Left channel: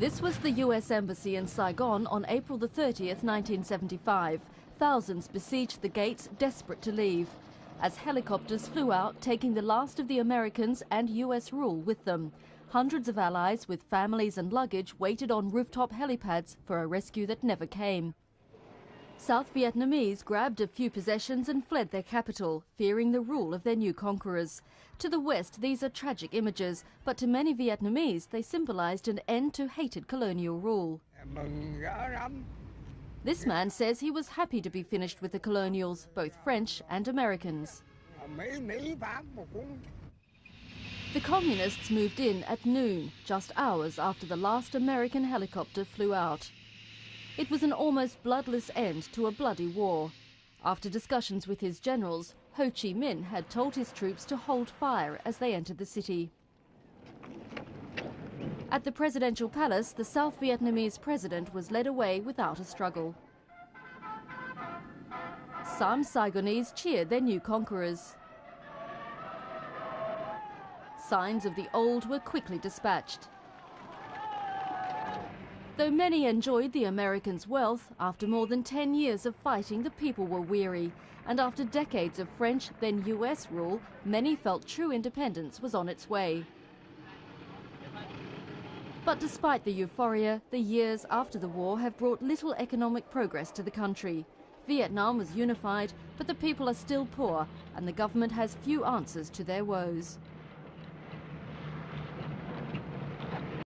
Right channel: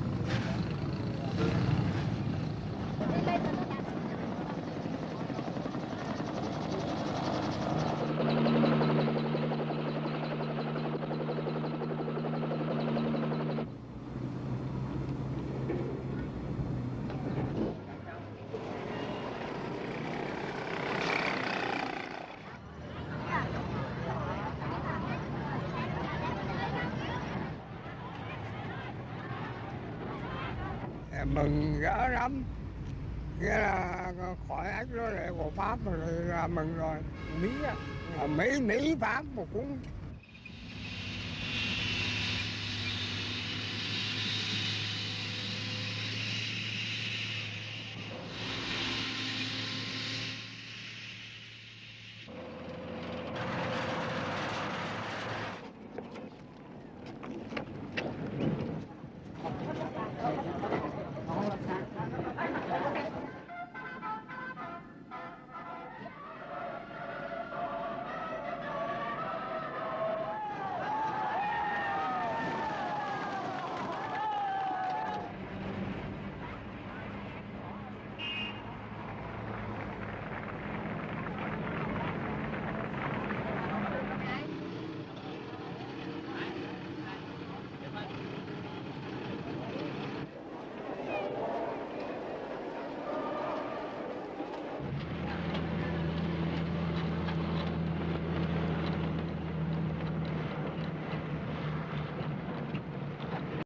This was the US Embassy in Saigon on April the 30th, 1975. Thousands besieged the gates, desperate to leave, as helicopters flew out, taking the last of the Americans and US rule with them. Hundreds of allies with families and luggage waited on rooftop helipads for a rescue that never came. South Vietnamese grabbed a few possessions and fled their capital, fearing the rule of their new conquerors. To the west, these are tragic images, but to many Vietnamese, they symbolised an end to hated colonial rule. This man says he was happy to be finished with the colonials, both French and Americans. The communists moved in at noon, just hours after the last American helicopter flew out. It was an almost bloodless end to a bloody war. After discussions with his generals, Ho Chi Minh had told his troops to hold fire as they entered the city. At the presidential palace, the South Vietnamese president was led away without a struggle. Some Saigonese cheered their new conquerors. Signs of the old were quickly dispatched. Though many enjoyed the Americans' wealth, after more than 10 years of fighting, the people were weary. And after decades of French, then US rule, many felt true independence was on its way. But despite the euphoria, the years after the war have brought little economic progress to the country. Vietnam was unified, but the people are still poor, and the government has few answers to their woes.